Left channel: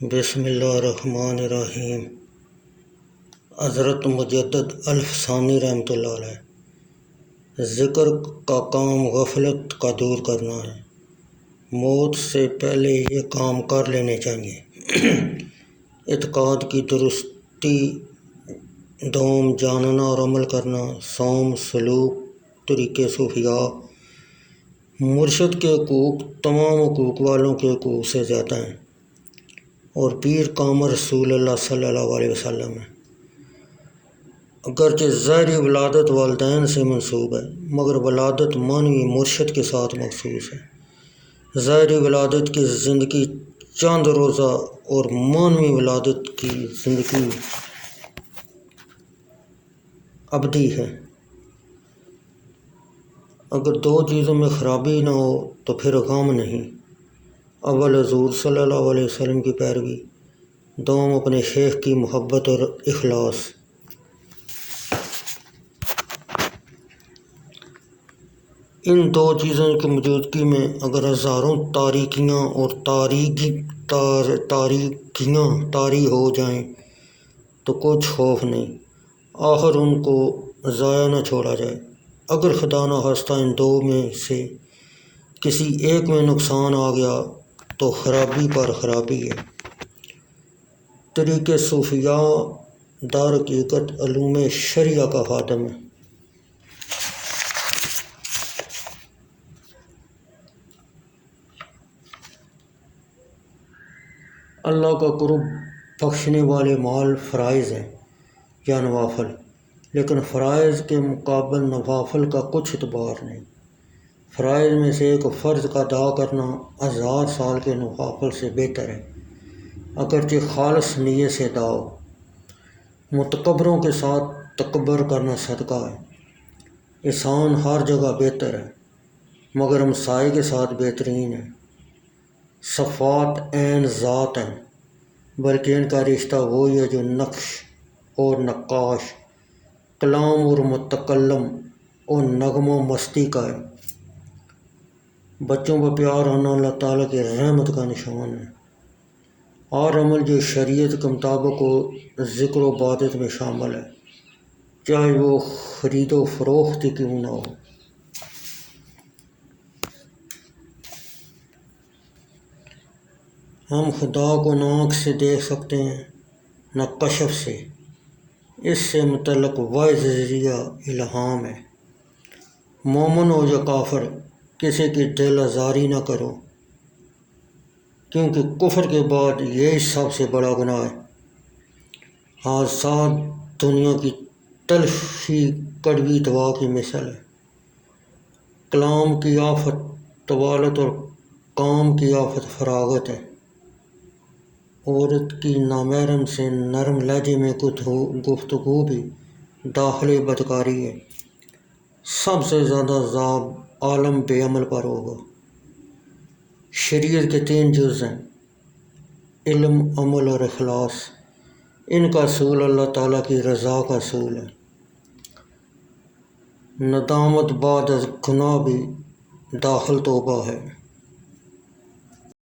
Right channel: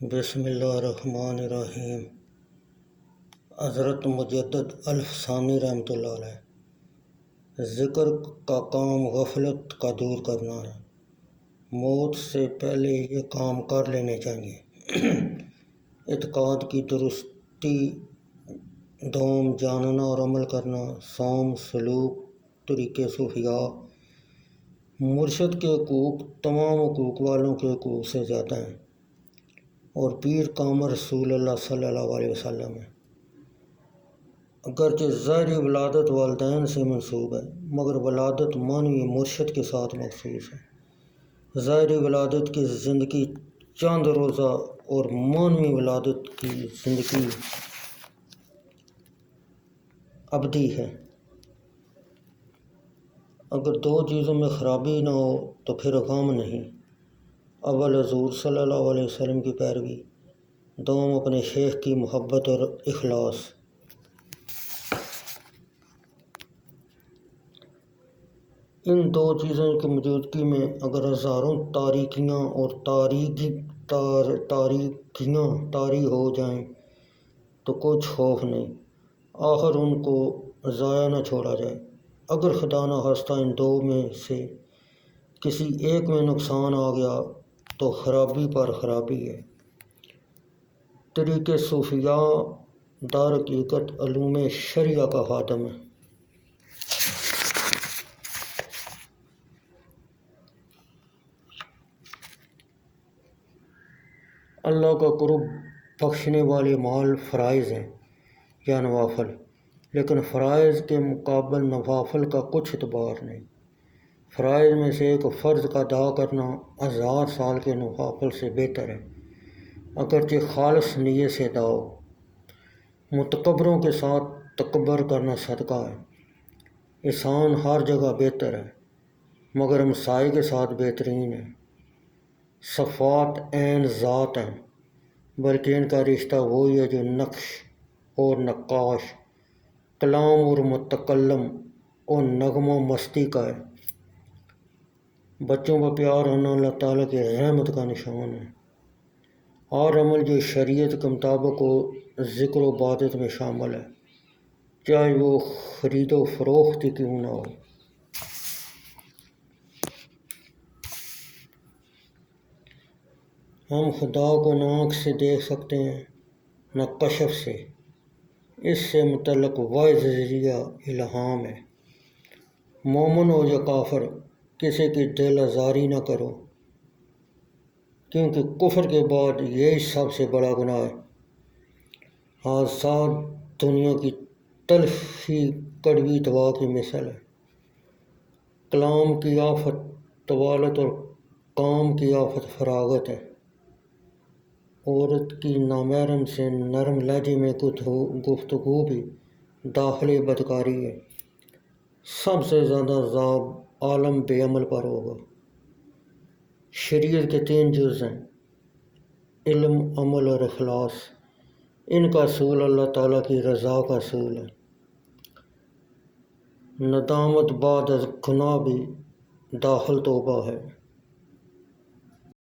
بسم اللہ الرحمن الرحیم۔ حضرت مجدد الفسانی رحمۃ اللہ علیہ، ذکر کا کام غفلت کا دور کرنا ہے۔ موت سے پہلے یہ کام کر لینے چاہیے۔ اعتقاد کی درستی، دوم جاننا اور عمل کرنا، صوم، سلوک، طریقے صوفیاء۔ مرشد کے حقوق تمام حقوق والوں کے حقوق سے زیادہ ہیں، اور پیر کامر رسول اللہ صلی اللہ علیہ وسلم ہے۔ اگرچہ ظاہری ولادت والدین سے منسوب ہے، مگر ولادت معنوی مرشد کے ساتھ مخصوص ہے۔ ظاہری ولادت کی زندگی چند روزہ اور معنوی ولادت کی زندگی ابدی ہے۔ اگر دو چیزوں میں خرابی نہ ہو تو پھر غم نہیں۔ اول حضور صلی اللہ علیہ وسلم کی پیروی، دوم اپنے شیخ کی محبت اور اخلاص۔ ان دو چیزوں کی موجودگی میں اگر ہزاروں تاریکیاں اور تاریکیاں طاری ہو جائیں تو کچھ خوف نہیں، آخر ان کو ضائع نہ چھوڑا جائے۔ اگر خدا نخواستہ ان دو میں سے کسی ایک میں نقصان آ گیا تو خرابی پر خرابی ہے۔ طریق صوفیاء در حقیقت علوم شرعیہ کا خادم ہے۔ اللہ کا قرب بخشنے والے مال فرائض ہیں یا نوافل، لیکن فرائض کے مقابل نوافل کا کچھ اعتبار نہیں۔ فرائض میں سے ایک فرض کا ادا کرنا 1000 سال کے نوافل سے بہتر ہے، اگرچہ خالص نیت سے ادا ہو۔ متکبروں کے ساتھ تکبر کرنا صدقہ ہے۔ احسان ہر جگہ بہتر ہے، مگر ہمسائے کے ساتھ بہترین ہے۔ صفات عین ذات ہیں، بلکہ ان کا رشتہ وہی ہے جو نقش اور نقاش، کلام اور متکلم اور نغمہ مستی کا ہے۔ بچوں کا پیار ہونا اللہ تعالیٰ کی رحمت کا نشان ہے۔ اور عمل جو شریعت کے مطابق ہو ذکر و عبادت میں شامل ہے، چاہے وہ خرید و فروخت کیوں نہ ہو۔ ہم خدا کو نہ آنکھ سے دیکھ سکتے ہیں نہ کشف سے، اس سے متعلق واحد ذریعہ الہام ہے۔ مومن ہو یا کافر، کسی کی دل آزاری نہ کرو، کیونکہ کفر کے بعد یہی سب سے بڑا گناہ ہے۔ حادثات دنیا کی تلخی کڑوی دوا کی مثل ہے۔ کلام کی آفت طوالت اور کام کی آفت فراغت ہے۔ عورت کی نامحرم سے نرم لہجے میں گفتگو بھی داخلی بدکاری ہے۔ سب سے زیادہ عذاب عالم بے عمل پر ہوگا۔ شریعت کے 3 جز ہیں، علم، عمل اور اخلاص۔ ان کا اصول اللہ تعالیٰ کی رضا کا اصول ہے۔ ندامت بعد از گناہ بھی داخل توبہ ہے۔